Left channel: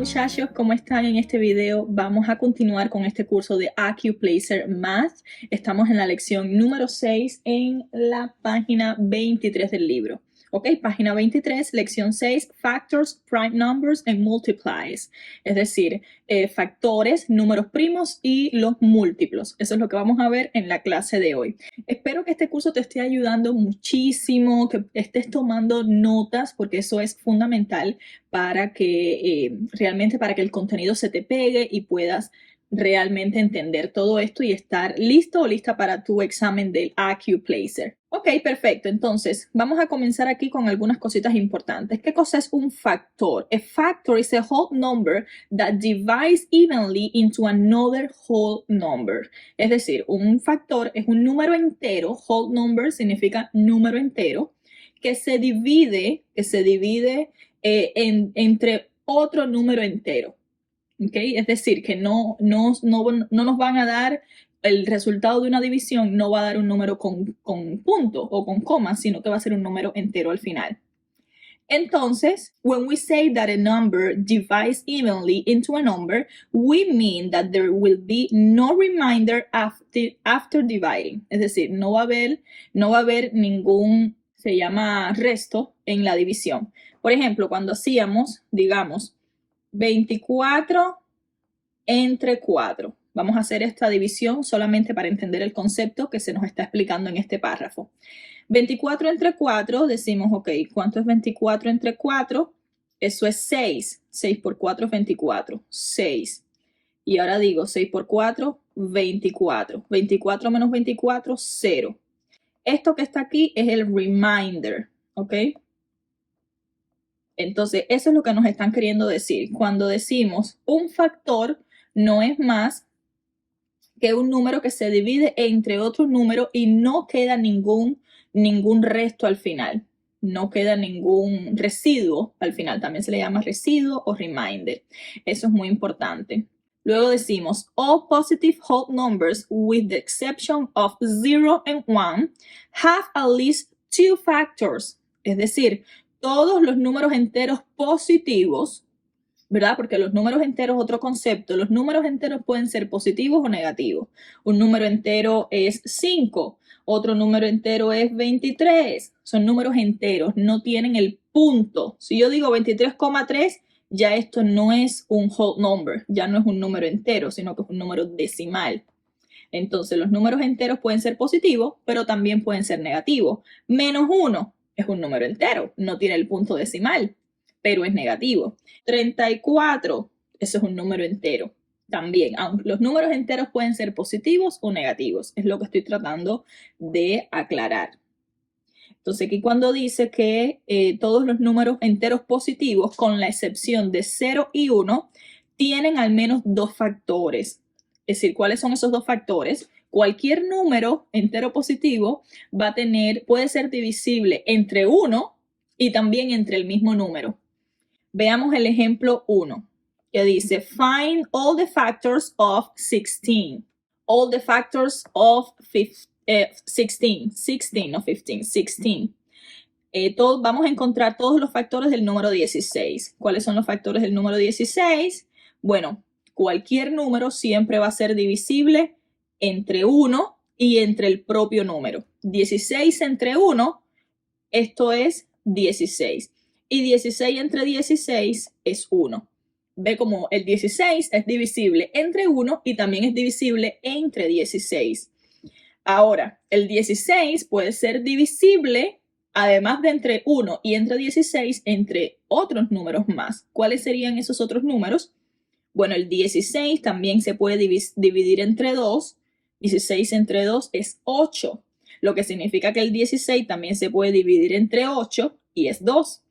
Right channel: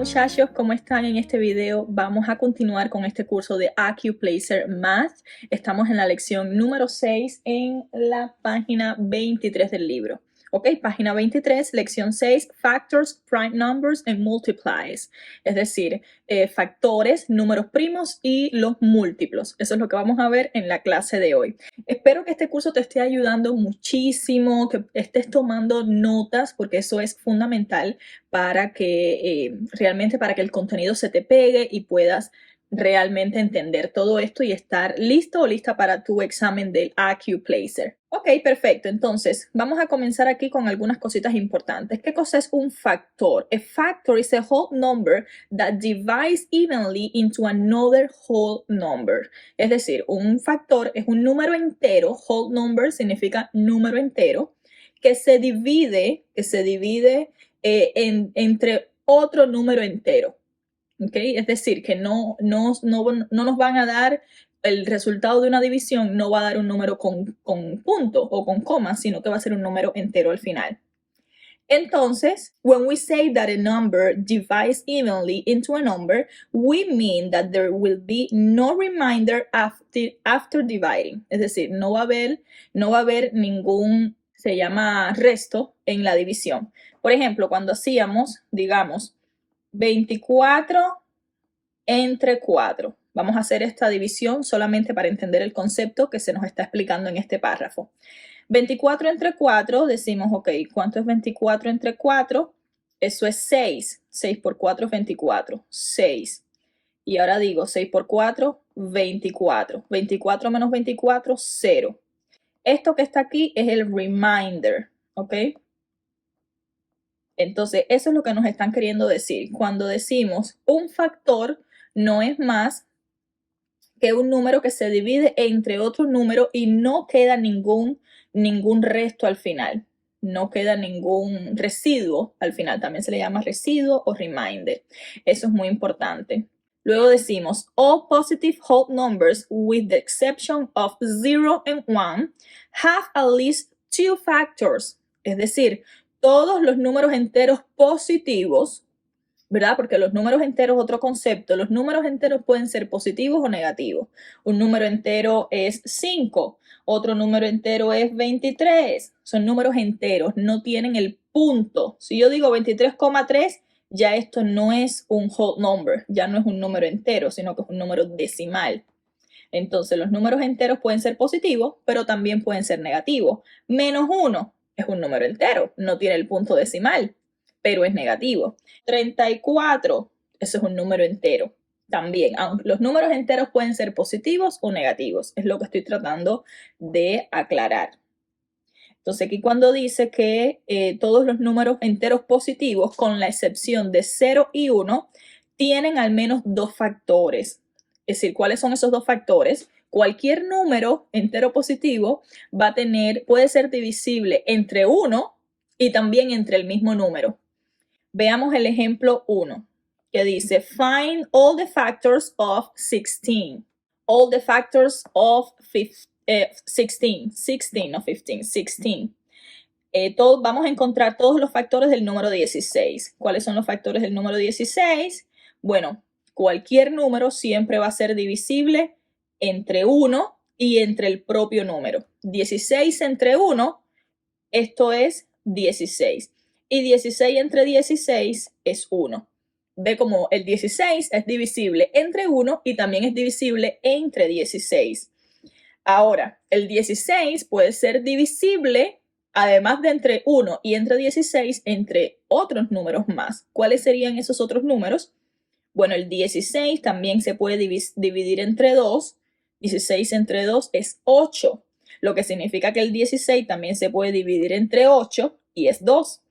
muchachos, ¿cómo están? En este video vamos a continuar con este curso de Accuplacer Math. Estamos en la lección número 6 en la página 23 del libro. Ok, página 23, lección 6, Factors, Prime Numbers and Multiplies. Es decir, factores, números primos y los múltiplos. Eso es lo que vamos a ver en la clase de hoy. Espero que este curso te esté ayudando muchísimo, que estés tomando notas, porque eso es fundamental para que realmente para que el contenido se te pegue y puedas realmente entender todo esto y estar listo o lista para tu examen del Accuplacer. Ok, perfecto. Entonces, vamos a comenzar aquí con algunas cositas importantes. ¿Qué cosa es un factor? A factor is a whole number that divides evenly into another whole number. Es decir, un factor es un número entero. Whole number significa número entero que se divide entre otro número entero. ¿Okay? Es decir, que no nos van a dar el resultado de una división, no va a dar un número con punto o con coma, sino que va a ser un número entero al final. Entonces, when we say that a number divides evenly into a number, we mean that there will be no remainder after dividing. Es decir, no va a haber ningún, se llama resto en la división. Por ejemplo, cuando hacíamos, digamos, 24 entre 4. Vamos a hacer esta división solamente para entender el concepto que se nos está explicando en este párrafo. 24 entre 4, decimos, ok, ¿cuánto es 24 entre 4? Eso es 6. 6 por 4 es 24. 6. Y ahora digo 6 por 4, 24. 24 menos 24, 0. Esto que está aquí es el remainder, ¿ok? Entonces, eso es lo que nos están queriendo decir. Cuando decimos un factor no es más que un número que se divide entre otro número y no queda ningún resto al final. No queda ningún residuo al final. También se le llama residuo o remainder. Eso es muy importante. Luego decimos, all positive whole numbers with the exception of 0 and 1 have at least two factors. Es decir, todos los números enteros positivos, ¿verdad? Porque los números enteros, otro concepto, los números enteros pueden ser positivos o negativos. Un número entero es 5, otro número entero es 23. Son números enteros, no tienen el punto. Si yo digo 23,3, ya esto no es un whole number, ya no es un número entero, sino que es un número decimal. Entonces, los números enteros pueden ser positivos, pero también pueden ser negativos. Menos 1 es un número entero, no tiene el punto decimal, pero es negativo. 34, eso es un número entero también. Aunque los números enteros pueden ser positivos o negativos, es lo que estoy tratando de aclarar. Entonces, aquí cuando dice que todos los números enteros positivos, con la excepción de 0 y 1, tienen al menos dos factores. Es decir, ¿cuáles son esos dos factores? Cualquier número entero positivo puede ser divisible entre 1 y también entre el mismo número. Veamos el ejemplo 1, que dice, find all the factors of 16. All the factors of 16, no 15, 16. Vamos a encontrar todos los factores del número 16. ¿Cuáles son los factores del número 16? Bueno, cualquier número siempre va a ser divisible entre 1 y entre el propio número. 16 entre 1, esto es 16. Y 16 entre 16 es 1. Ve como el 16 es divisible entre 1 y también es divisible entre 16. Ahora, el 16 puede ser divisible, además de entre 1 y entre 16, entre otros números más. ¿Cuáles serían esos otros números? Bueno, el 16 también se puede dividir entre 2. 16 entre 2 es 8, lo que significa que el 16 también se puede dividir entre 8 y es 2.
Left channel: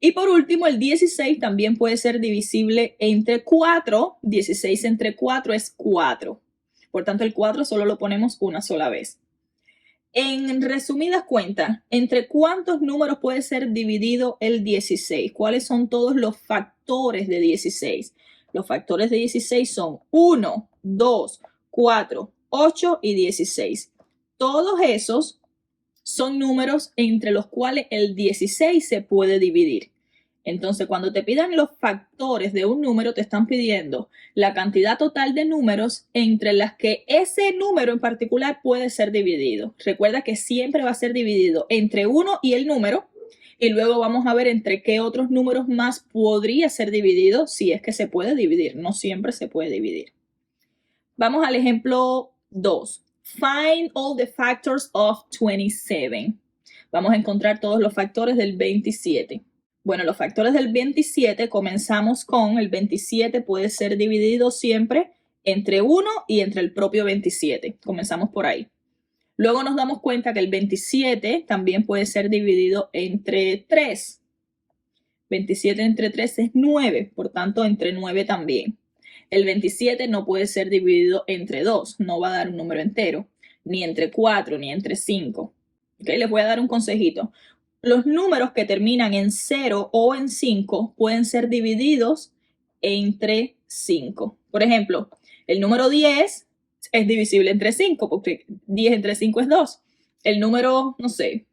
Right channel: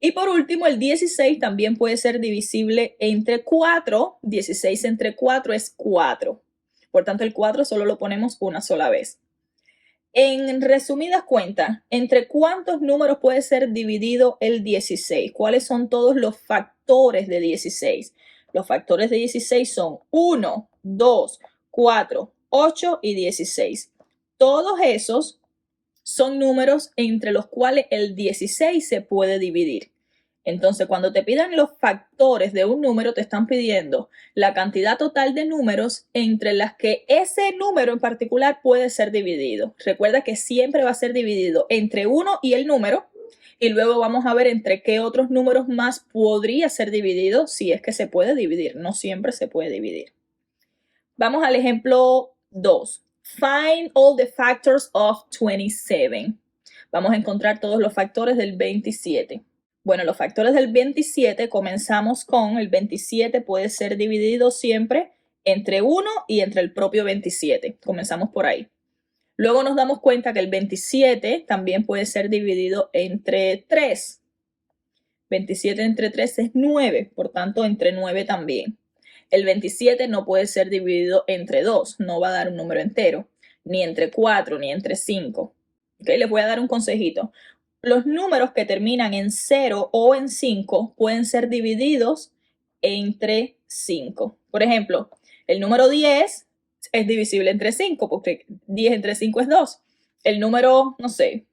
Y por último, el 16 también puede ser divisible entre 4. 16 entre 4 es 4. Por tanto, el 4 solo lo ponemos una sola vez. En resumidas cuentas, ¿entre cuántos números puede ser dividido el 16? ¿Cuáles son todos los factores de 16? Los factores de 16 son 1, 2, 4, 8 y 16. Todos esos son números entre los cuales el 16 se puede dividir. Entonces, cuando te pidan los factores de un número, te están pidiendo la cantidad total de números entre las que ese número en particular puede ser dividido. Recuerda que siempre va a ser dividido entre 1 y el número, y luego vamos a ver entre qué otros números más podría ser dividido, si es que se puede dividir. No siempre se puede dividir. Vamos al ejemplo 2. Find all the factors of 27. Vamos a encontrar todos los factores del 27. Bueno, los factores del 27 comenzamos con el 27 puede ser dividido siempre entre 1 y entre el propio 27. Comenzamos por ahí. Luego nos damos cuenta que el 27 también puede ser dividido entre 3. 27 entre 3 es 9, por tanto entre 9 también. El 27 no puede ser dividido entre 2, no va a dar un número entero, ni entre 4, ni entre 5. ¿Okay? Les voy a dar un consejito. Los números que terminan en 0 o en 5 pueden ser divididos entre 5. Por ejemplo, el número 10 es divisible entre 5, porque 10 entre 5 es 2. El número, no sé,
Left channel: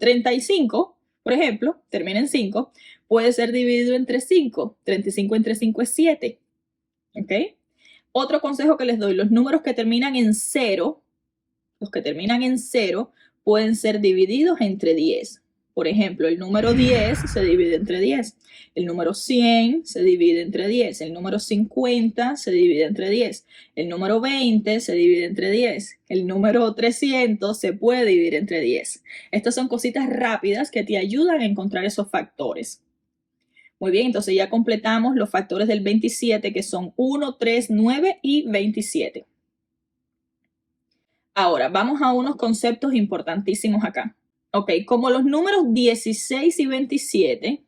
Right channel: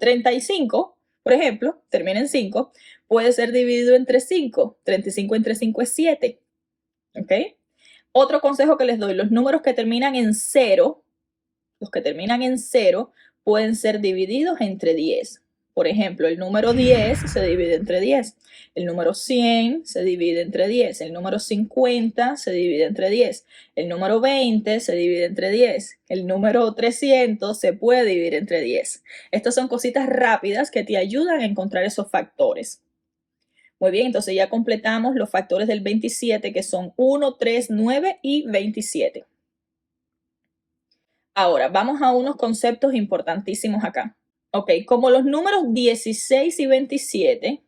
35, por ejemplo, termina en 5, puede ser dividido entre 5. 35 entre 5 es 7. ¿Ok? Otro consejo que les doy, los números que terminan en 0, pueden ser divididos entre 10. Por ejemplo, el número 10 se divide entre 10. El número 100 se divide entre 10. El número 50 se divide entre 10. El número 20 se divide entre 10. El número 300 se puede dividir entre 10. Estas son cositas rápidas que te ayudan a encontrar esos factores. Muy bien, entonces ya completamos los factores del 27, que son 1, 3, 9 y 27. Ahora, vamos a unos conceptos importantísimos acá. Ok, como los números 16 y 27,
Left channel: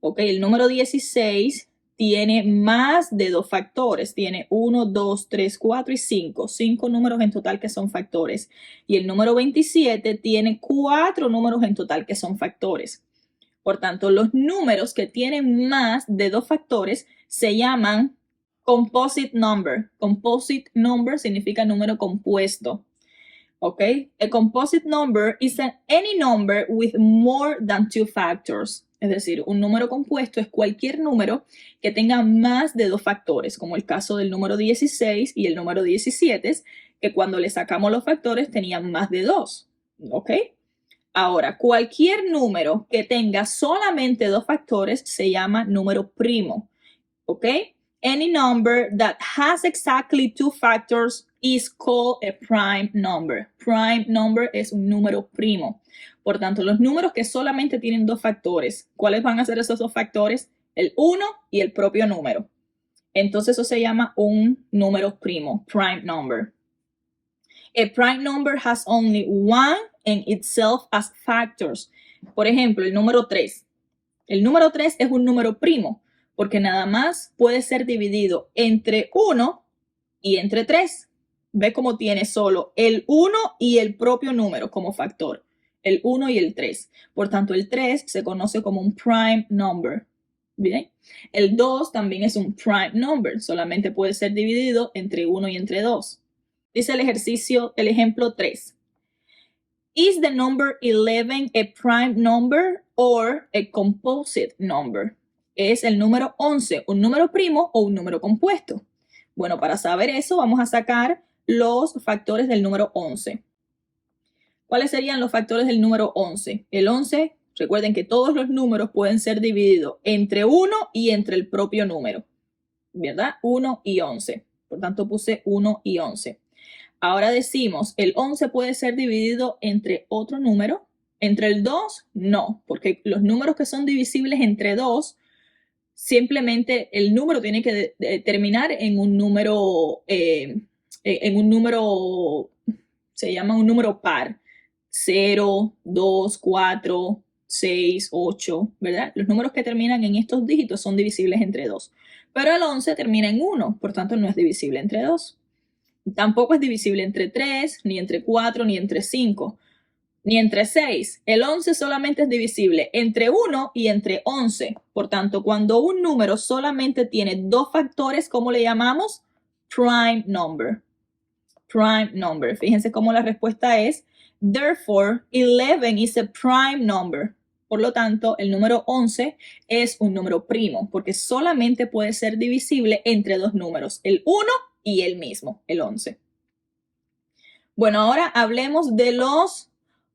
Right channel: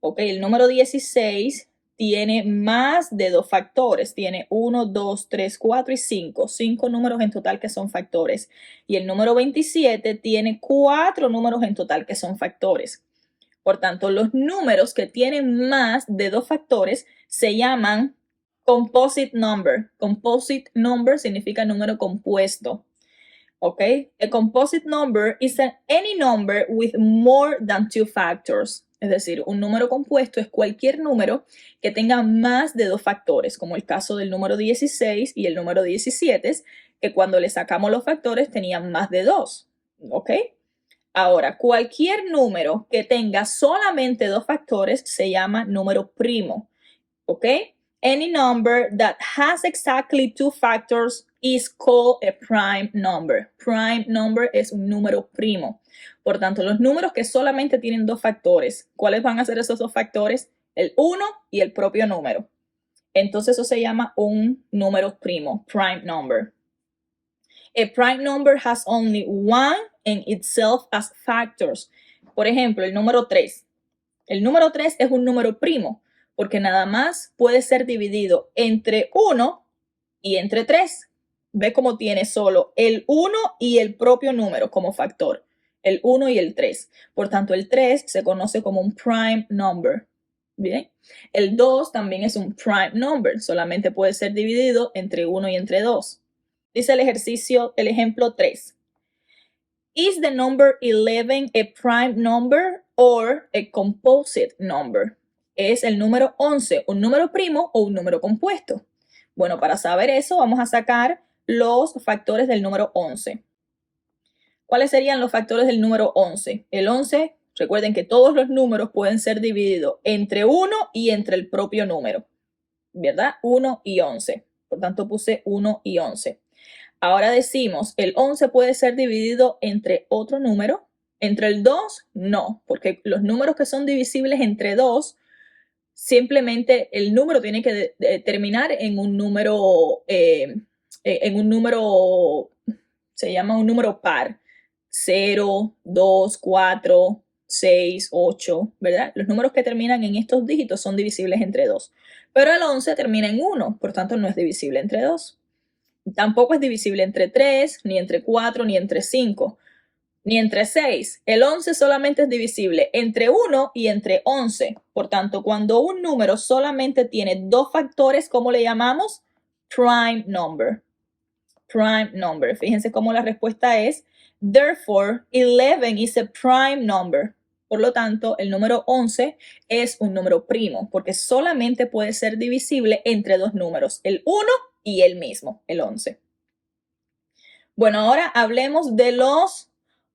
ok, el número 16 tiene más de 2 factores. Tiene 1, 2, 3, 4 y 5. 5 números en total que son factores. Y el número 27 tiene 4 números en total que son factores. Por tanto, los números que tienen más de 2 factores se llaman composite number. Composite number significa número compuesto. ¿Ok? A composite number is any number with more than 2 factors. Es decir, un número compuesto es cualquier número que tenga más de 2 factores, como el caso del número 16 y el número 17, que cuando le sacamos los factores tenían más de 2. ¿Ok? Ahora, cualquier número que tenga solamente 2 factores se llama número primo. ¿Ok? Any number that has exactly 2 factors is called a prime number. Prime number es un número primo. Por tanto, los números que solamente tienen 2 factores, ¿cuáles van a ser esos 2 factores? El 1 y el propio número. Entonces eso se llama un número primo, prime number. A prime number has only one in itself as factors. Por ejemplo, el número 3. El número 3 es un número primo porque nada más puede ser dividido entre 1 y entre 3. Ve cómo tiene solo el 1 y el propio número como factor. El 1 y el 3. Por tanto, el 3 se conoce como un prime number. ¿Bien? El 2 también es un prime number. Solamente puede ser dividido entre 1 y entre 2. Dice el ejercicio, el ejemplo 3. Is the number 11 a prime number or a composite number? ¿Es el número 11 un número primo o un número compuesto? Bueno, para saber eso vamos a sacar los factores del número 11. ¿Cuáles serían los factores del número 11? El 11, recuerden que todos los números pueden ser divididos entre 1 y entre el propio número, ¿verdad? 1 y 11. Por tanto, puse 1 y 11. Ahora decimos, el 11 puede ser dividido entre otro número. Entre el 2, no, porque los números que son divisibles entre 2, simplemente el número tiene que terminar en un número, se llama un número par. 0, 2, 4, 6, 8, ¿verdad? Los números que terminan en estos dígitos son divisibles entre 2. Pero el 11 termina en 1, por tanto no es divisible entre 2. Tampoco es divisible entre 3, ni entre 4, ni entre 5, ni entre 6. El 11 solamente es divisible entre 1 y entre 11. Por tanto, cuando un número solamente tiene 2 factores, ¿cómo le llamamos? Prime number. Prime number. Fíjense cómo la respuesta es, therefore, 11 is a prime number. Por lo tanto, el número 11 es un número primo porque solamente puede ser divisible entre dos números, el 1 y el mismo, el 11. Bueno, ahora hablemos de los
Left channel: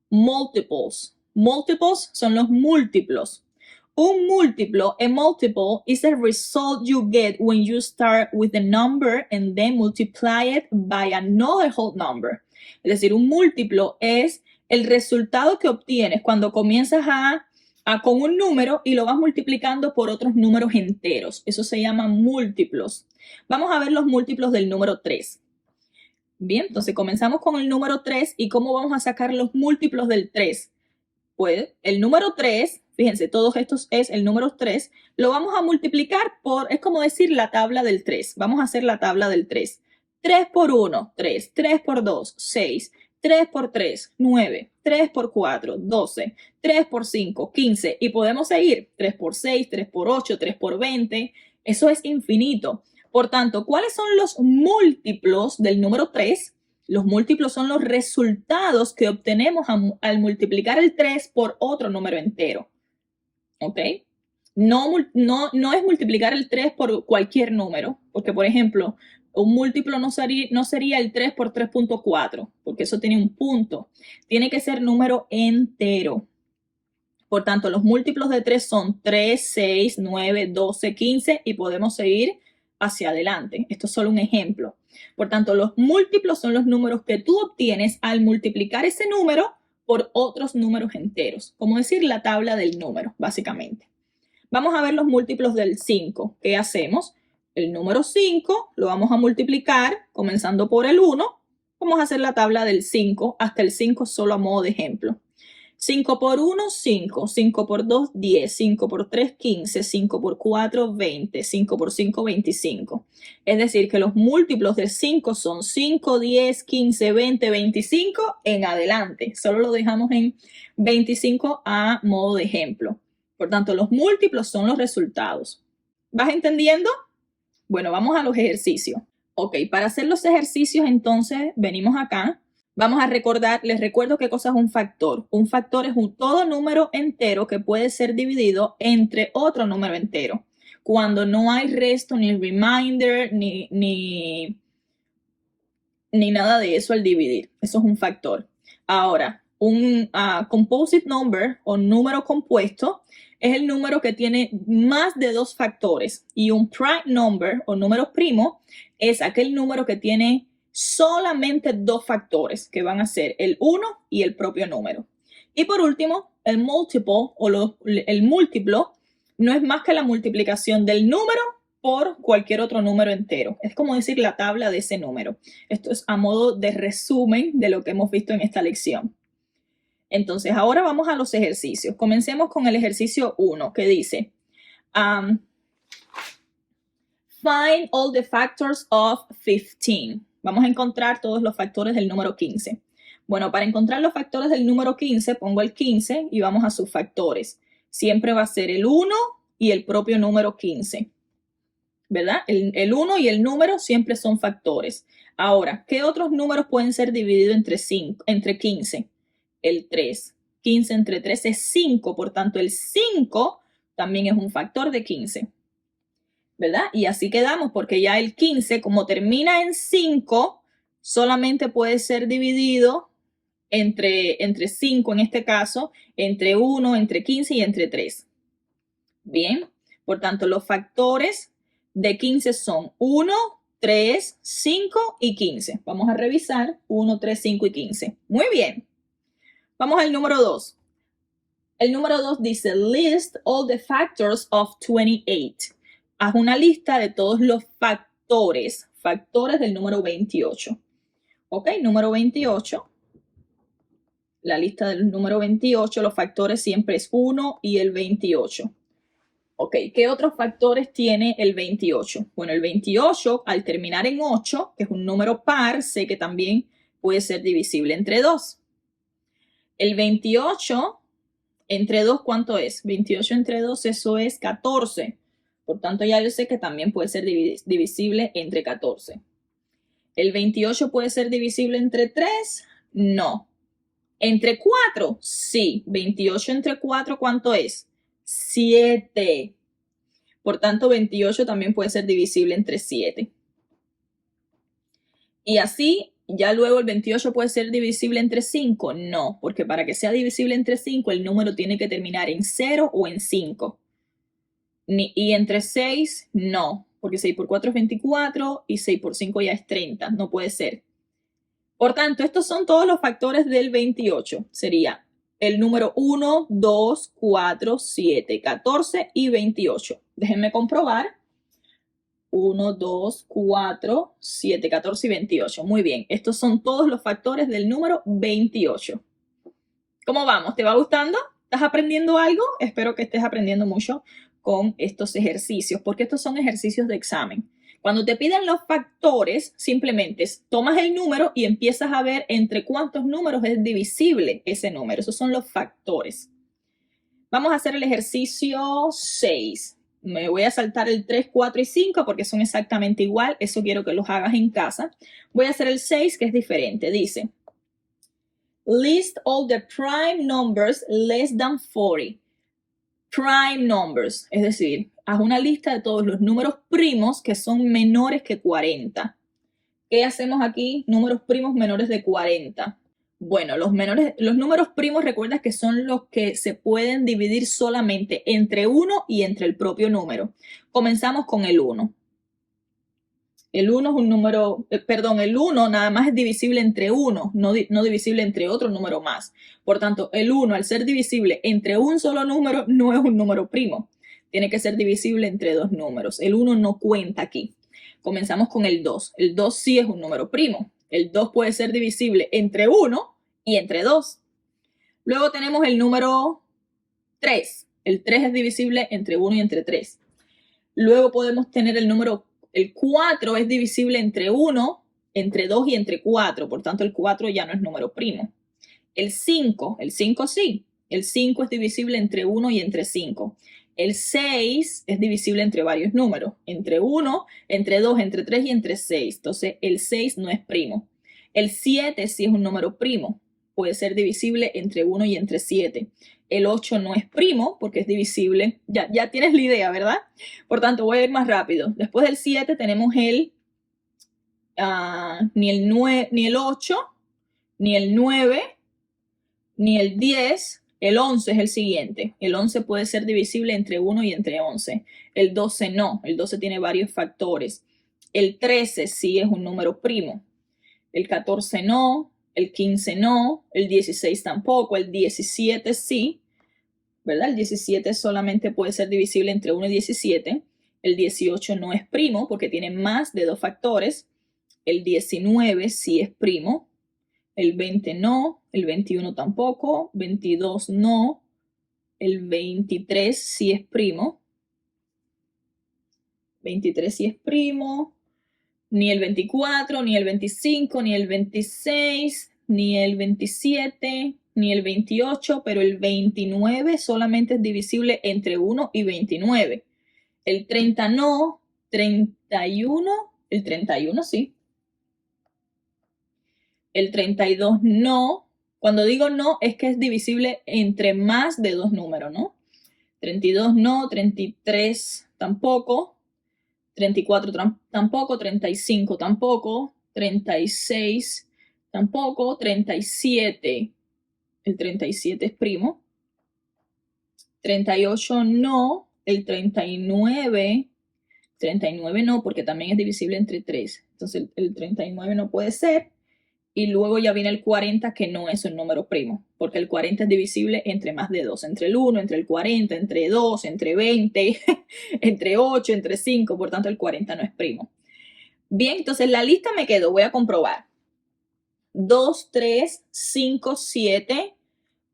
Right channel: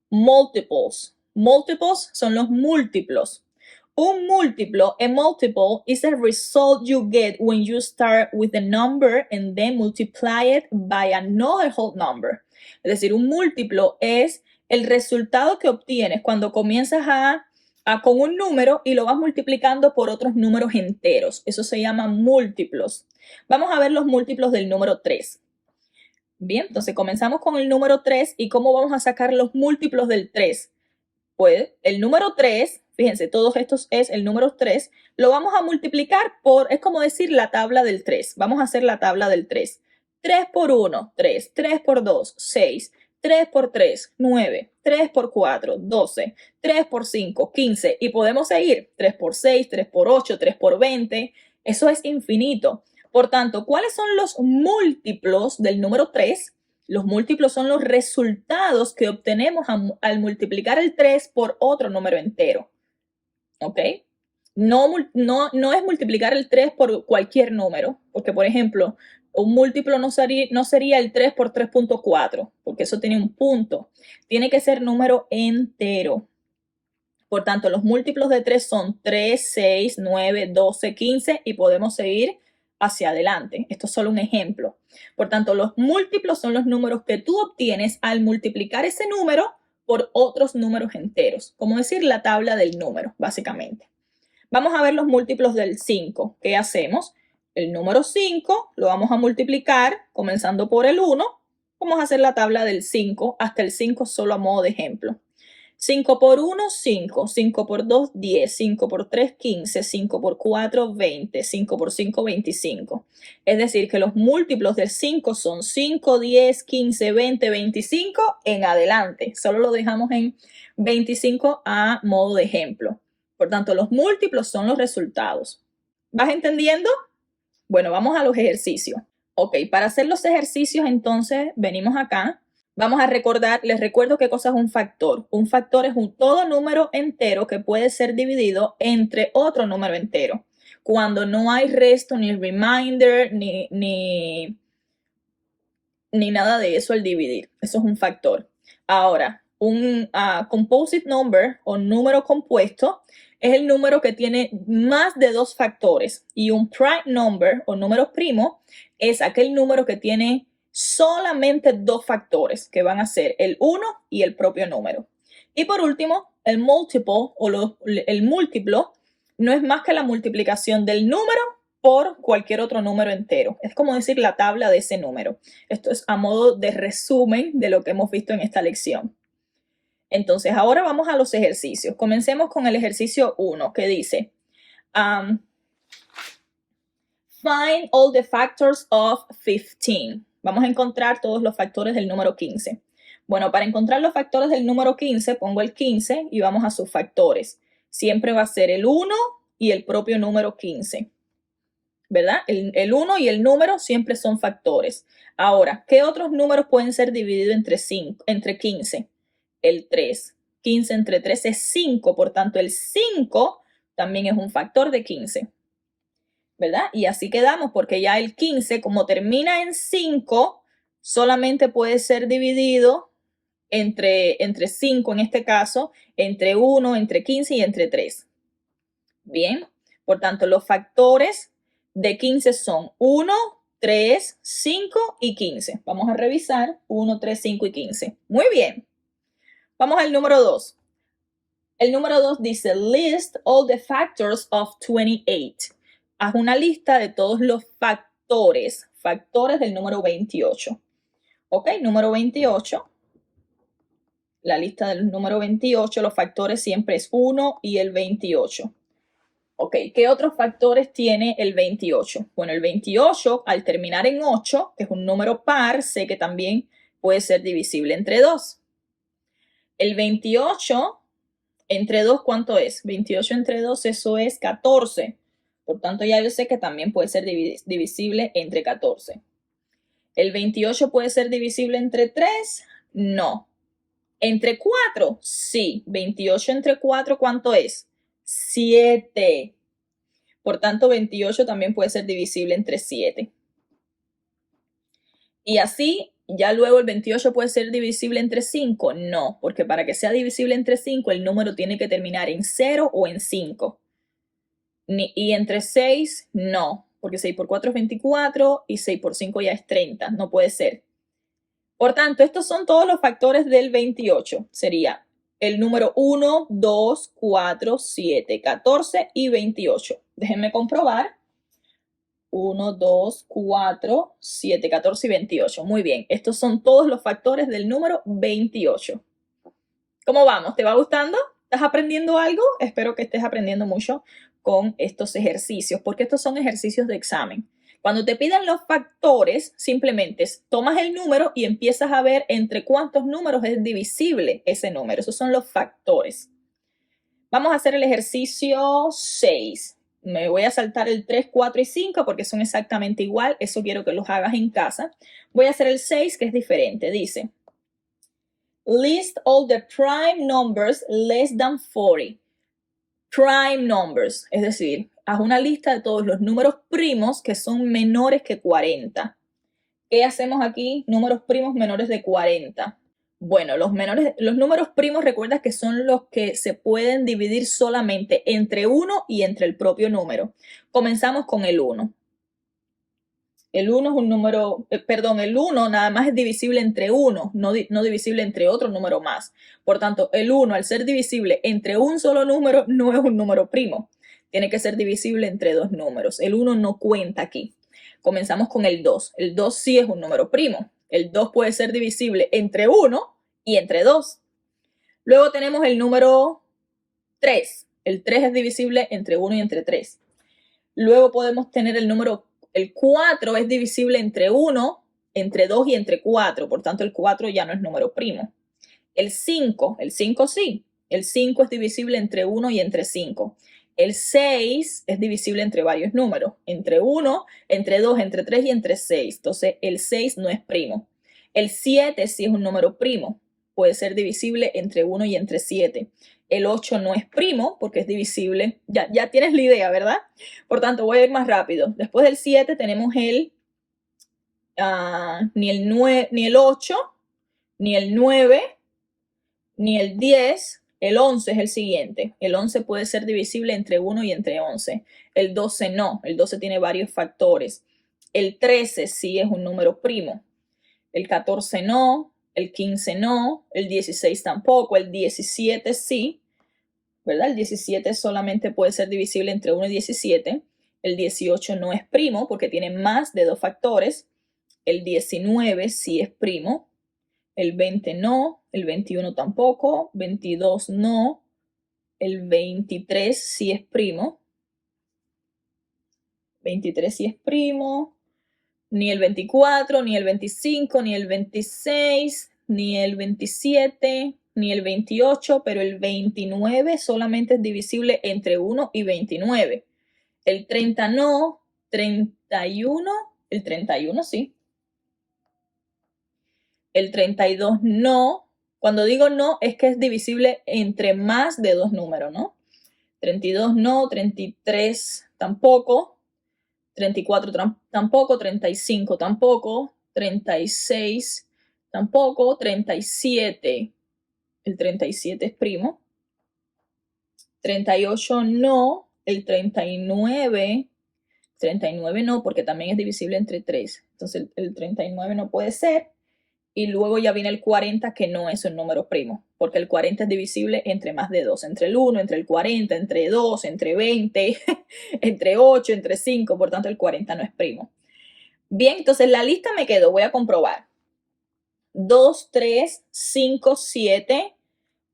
multiples. Multiples son los múltiplos. Un múltiplo, a multiple, is a result you get when you start with a number and then multiply it by another whole number. Es decir, un múltiplo es el resultado que obtienes cuando comienzas con un número y lo vas multiplicando por otros números enteros. Eso se llama múltiplos. Vamos a ver los múltiplos del número 3. Bien, entonces comenzamos con el número 3 y cómo vamos a sacar los múltiplos del 3. Pues el número 3, fíjense, todos estos es el número 3, lo vamos a multiplicar por, es como decir la tabla del 3. Vamos a hacer la tabla del 3. 3 por 1, 3. 3 por 2, 6. 3 por 3, 9. 3 por 4, 12. 3 por 5, 15. Y podemos seguir. 3 por 6, 3 por 8, 3 por 20. Eso es infinito. Por tanto, ¿cuáles son los múltiplos del número 3? Los múltiplos son los resultados que obtenemos al multiplicar el 3 por otro número entero. ¿Ok? No es multiplicar el 3 por cualquier número, porque, por ejemplo, un múltiplo no sería el 3 por 3.4, porque eso tiene un punto. Tiene que ser número entero. Por tanto, los múltiplos de 3 son 3, 6, 9, 12, 15 y podemos seguir hacia adelante. Esto es solo un ejemplo. Por tanto, los múltiplos son los números que tú obtienes al multiplicar ese número por otros números enteros. Como decir la tabla del número, básicamente. Vamos a ver los múltiplos del 5. ¿Qué hacemos? El número 5 lo vamos a multiplicar comenzando por el 1. Vamos a hacer la tabla del 5 hasta el 5 solo a modo de ejemplo. 5 por 1, 5. 5 por 2, 10. 5 por 3, 15. 5 por 4, 20. 5 por 5, 25. Es decir, que los múltiplos de 5 son 5, 10, 15, 20, 25 en adelante. Solo lo dejamos en 25 a modo de ejemplo. Por tanto, los múltiplos son los resultados. ¿Vas entendiendo? Bueno, vamos a los ejercicios. Ok, para hacer los ejercicios, entonces, venimos acá. Vamos a recordar, les recuerdo qué cosa es un factor. Un factor es todo número entero que puede ser dividido entre otro número entero. Cuando no hay resto, ni remainder, ni nada de eso al dividir. Eso es un factor. Ahora, un composite number o número compuesto es el número que tiene más de dos factores. Y un prime number o número primo es aquel número que tiene solamente dos factores, que van a ser el 1 y el propio número. Y por último, el multiple o el múltiplo no es más que la multiplicación del número por cualquier otro número entero. Es como decir la tabla de ese número. Esto es a modo de resumen de lo que hemos visto en esta lección. Entonces, ahora vamos a los ejercicios. Comencemos con el ejercicio 1, que dice, find all the factors of 15. Vamos a encontrar todos los factores del número 15. Bueno, para encontrar los factores del número 15, pongo el 15 y vamos a sus factores. Siempre va a ser el 1 y el propio número 15. ¿Verdad? El 1 y el número siempre son factores. Ahora, ¿qué otros números pueden ser divididos entre 15? El 3. 15 entre 3 es 5, por tanto el 5 también es un factor de 15. ¿Verdad? Y así quedamos porque ya el 15, como termina en 5, solamente puede ser dividido entre 5 en este caso, entre 1, entre 15 y entre 3. Bien, por tanto los factores de 15 son 1, 3, 5 y 15. Vamos a revisar 1, 3, 5 y 15. Muy bien. Vamos al número 2. El número 2 dice, list all the factors of 28. Haz una lista de todos los factores del número 28. Ok, número 28. La lista del número 28, los factores siempre es 1 y el 28. Ok, ¿qué otros factores tiene el 28? Bueno, el 28, al terminar en 8, que es un número par, sé que también puede ser divisible entre 2. El 28 entre 2, ¿cuánto es? 28 entre 2, eso es 14. Por tanto, ya yo sé que también puede ser divisible entre 14. ¿El 28 puede ser divisible entre 3? No. ¿Entre 4? Sí. 28 entre 4, ¿cuánto es? 7. Por tanto, 28 también puede ser divisible entre 7. Y así, ya luego el 28 puede ser divisible entre 5. No, porque para que sea divisible entre 5, el número tiene que terminar en 0 o en 5. Y entre 6, no, porque 6 por 4 es 24 y 6 por 5 ya es 30. No puede ser. Por tanto, estos son todos los factores del 28. Sería el número 1, 2, 4, 7, 14 y 28. Déjenme comprobar. 1, 2, 4, 7, 14 y 28. Muy bien, estos son todos los factores del número 28. ¿Cómo vamos? ¿Te va gustando? ¿Estás aprendiendo algo? Espero que estés aprendiendo mucho con estos ejercicios, porque estos son ejercicios de examen. Cuando te piden los factores, simplemente tomas el número y empiezas a ver entre cuántos números es divisible ese número. Esos son los factores. Vamos a hacer el ejercicio 6. Me voy a saltar el 3, 4 y 5 porque son exactamente igual. Eso quiero que los hagas en casa. Voy a hacer el 6, que es diferente. Dice, list all the prime numbers less than 40. Prime numbers, es decir, haz una lista de todos los números primos que son menores que 40. ¿Qué hacemos aquí? Números primos menores de 40. Bueno, los números primos, recuerda que son los que se pueden dividir solamente entre 1 y entre el propio número. Comenzamos con el 1. El 1 es un número, el 1 nada más es divisible entre 1, no divisible entre otro número más. Por tanto, el 1, al ser divisible entre un solo número, no es un número primo. Tiene que ser divisible entre dos números. El 1 no cuenta aquí. Comenzamos con el 2. El 2 sí es un número primo. El 2 puede ser divisible entre 1 y entre 2. Luego tenemos el número 3. El 3 es divisible entre 1 y entre 3. Luego podemos tener el 4 es divisible entre 1, entre 2 y entre 4. Por tanto, el 4 ya no es número primo. El 5 sí. El 5 es divisible entre 1 y entre 5. El 6 es divisible entre varios números, entre 1, entre 2, entre 3 y entre 6. Entonces, el 6 no es primo. El 7 sí es un número primo. Puede ser divisible entre 1 y entre 7. El 8 no es primo porque es divisible. Ya tienes la idea, ¿verdad? Por tanto, voy a ir más rápido. Después del 7 tenemos ni el 8, ni el 9, ni el 10. El 11 es el siguiente. El 11 puede ser divisible entre 1 y entre 11. El 12 no. El 12 tiene varios factores. El 13 sí es un número primo. El 14 no. El 15 no. El 16 tampoco. El 17 sí. ¿Verdad? El 17 solamente puede ser divisible entre 1 y 17. El 18 no es primo porque tiene más de dos factores. El 19 sí es primo. El 20 no, el 21 tampoco, 22 no, el 23 sí es primo. 23 sí es primo. Ni el 24, ni el 25, ni el 26, ni el 27, ni el 28, pero el 29 solamente es divisible entre 1 y 29. El 30 no, 31, el 31 sí. El 32 no. Cuando digo no, es que es divisible entre más de dos números, ¿no? 32 no, 33 tampoco, 34 tampoco, 35 tampoco, 36 tampoco, 37. El 37 es primo. 38 no, el 39 no, porque también es divisible entre 3. Entonces el 39 no puede ser. Y luego ya viene el 40, que no es un número primo, porque el 40 es divisible entre más de 2, entre el 1, entre el 40, entre 2, entre 20, entre 8, entre 5, por tanto el 40 no es primo. Bien, entonces la lista me quedó, voy a comprobar. 2, 3, 5, 7,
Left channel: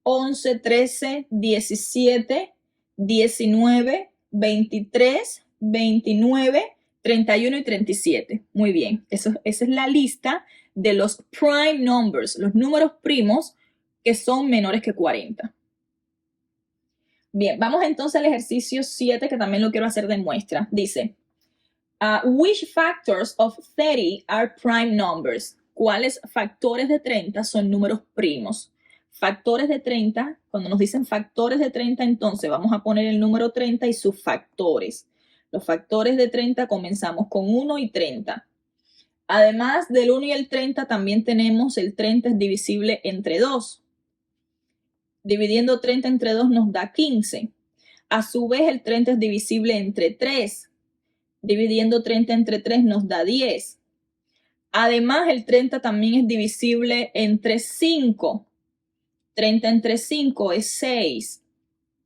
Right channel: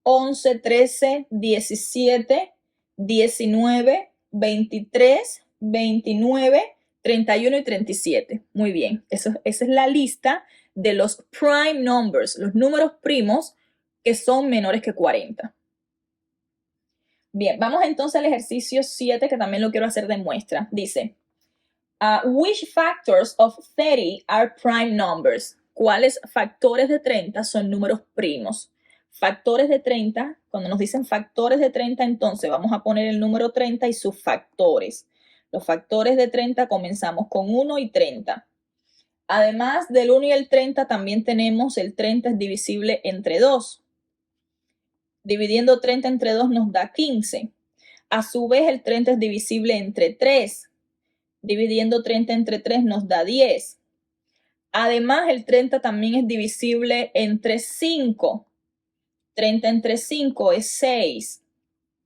11, 13, 17, 19, 23, 29, 31 y 37. Muy bien, esa es la lista de los prime numbers, los números primos que son menores que 40. Bien, vamos entonces al ejercicio 7, que también lo quiero hacer de muestra. Dice, which factors of 30 are prime numbers? ¿Cuáles factores de 30 son números primos? Factores de 30, cuando nos dicen factores de 30, entonces vamos a poner el número 30 y sus factores. Los factores de 30 comenzamos con 1 y 30. Además del 1 y el 30, también tenemos el 30 es divisible entre 2. Dividiendo 30 entre 2 nos da 15. A su vez, el 30 es divisible entre 3. Dividiendo 30 entre 3 nos da 10. Además, el 30 también es divisible entre 5. 30 entre 5 es 6.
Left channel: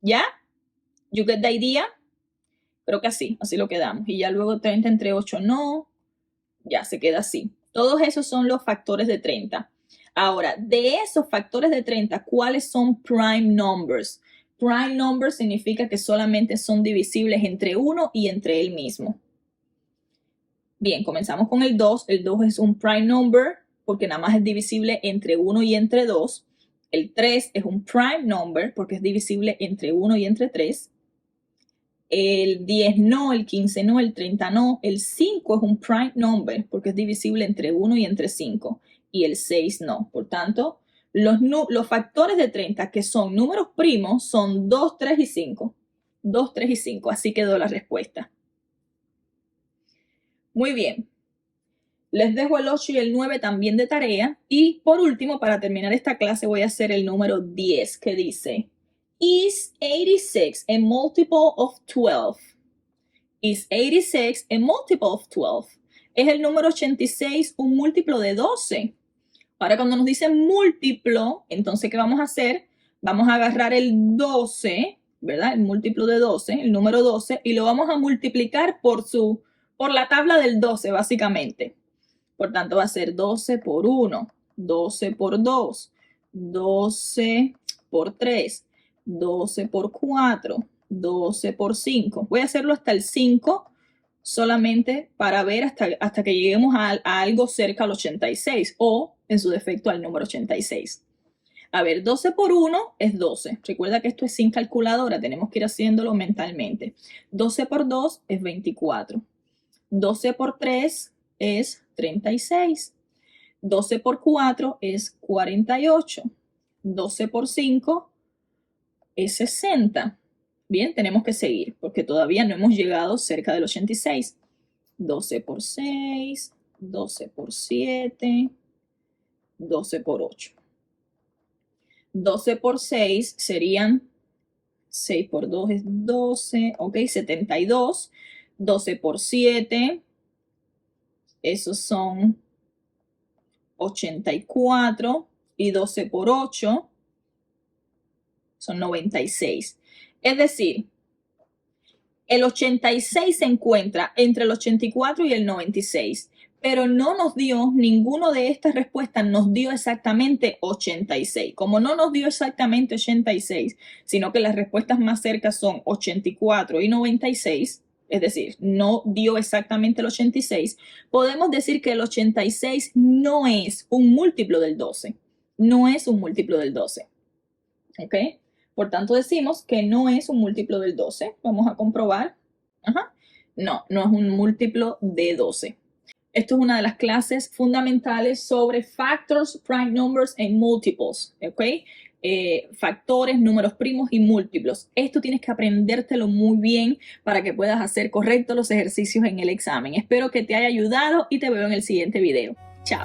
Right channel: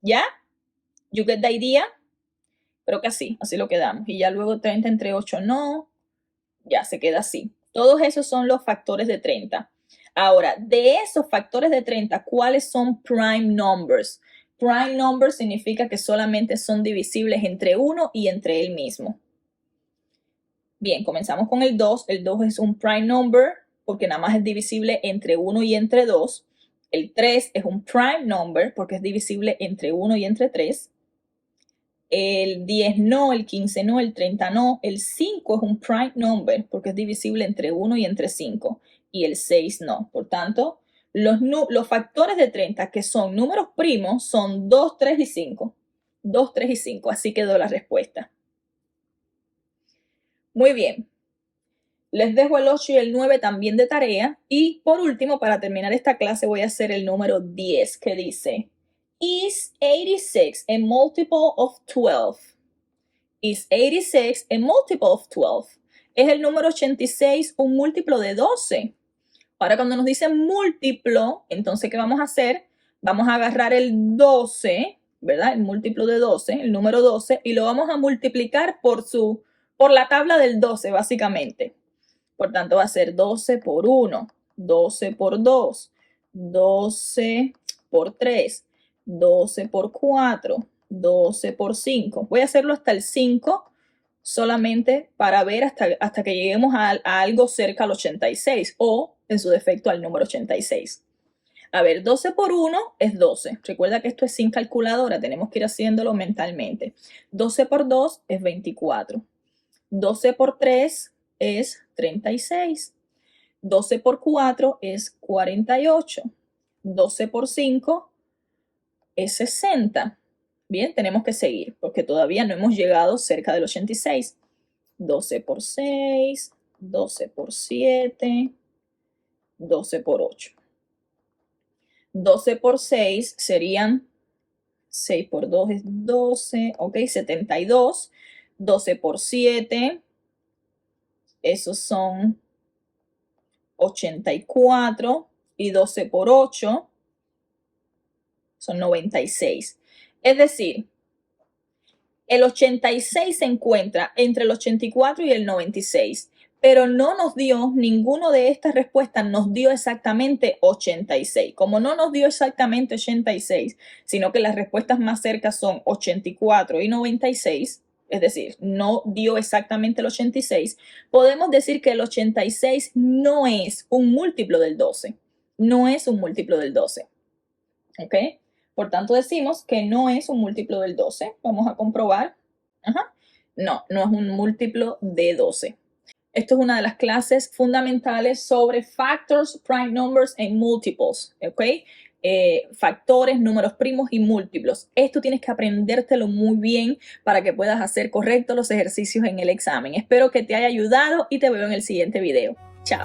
¿Ya? You get the idea? Creo que así lo quedamos. Y ya luego 30 entre 8 no. Ya se queda así. Todos esos son los factores de 30. Ahora, de esos factores de 30, ¿cuáles son prime numbers? Prime numbers significa que solamente son divisibles entre 1 y entre él mismo. Bien, comenzamos con el 2. El 2 es un prime number porque nada más es divisible entre 1 y entre 2. El 3 es un prime number porque es divisible entre 1 y entre 3. El 10 no, el 15 no, el 30 no. El 5 es un prime number porque es divisible entre 1 y entre 5. Y el 6 no. Por tanto, los factores de 30 que son números primos son 2, 3 y 5. 2, 3 y 5. Así quedó la respuesta. Muy bien. Les dejo el 8 y el 9 también de tarea. Y por último, para terminar esta clase, voy a hacer el número 10 que dice: Is 86 a multiple of 12? Is 86 a multiple of 12? ¿Es el número 86 un múltiplo de 12? Ahora, cuando nos dicen múltiplo, entonces, ¿qué vamos a hacer? Vamos a agarrar el 12, ¿verdad? El múltiplo de 12, el número 12, y lo vamos a multiplicar por la tabla del 12, básicamente. Por tanto, va a ser 12 por 1, 12 por 2, 12 por 3, 12 por 4, 12 por 5. Voy a hacerlo hasta el 5 solamente para ver hasta que lleguemos a algo cerca al 86 o, en su defecto, al número 86. A ver, 12 por 1 es 12. Recuerda que esto es sin calculadora, tenemos que ir haciéndolo mentalmente. 12 por 2 es 24. 12 por 3 es 36. 12 por 4 es 48. 12 por 5 es 60. Bien, tenemos que seguir porque todavía no hemos llegado cerca del 86. 12 por 6, 12 por 7, 12 por 8. 12 por 6 serían 6 por 2 es 12, ok, 72. 12 por 7, esos son 84. Y 12 por 8 son 96. Es decir, el 86 se encuentra entre el 84 y el 96, pero no nos dio, ninguna de estas respuestas nos dio exactamente 86. Como no nos dio exactamente 86, sino que las respuestas más cercas son 84 y 96, es decir, no dio exactamente el 86, podemos decir que el 86 no es un múltiplo del 12. No es un múltiplo del 12. ¿Ok? Por tanto, decimos que no es un múltiplo del 12. Vamos a comprobar. Ajá. No, no es un múltiplo de 12. Esto es una de las clases fundamentales sobre factors, prime numbers and multiples. ¿Ok? Factores, números primos y múltiplos. Esto tienes que aprendértelo muy bien para que puedas hacer correctos los ejercicios en el examen. Espero que te haya ayudado y te veo en el siguiente video. Chao.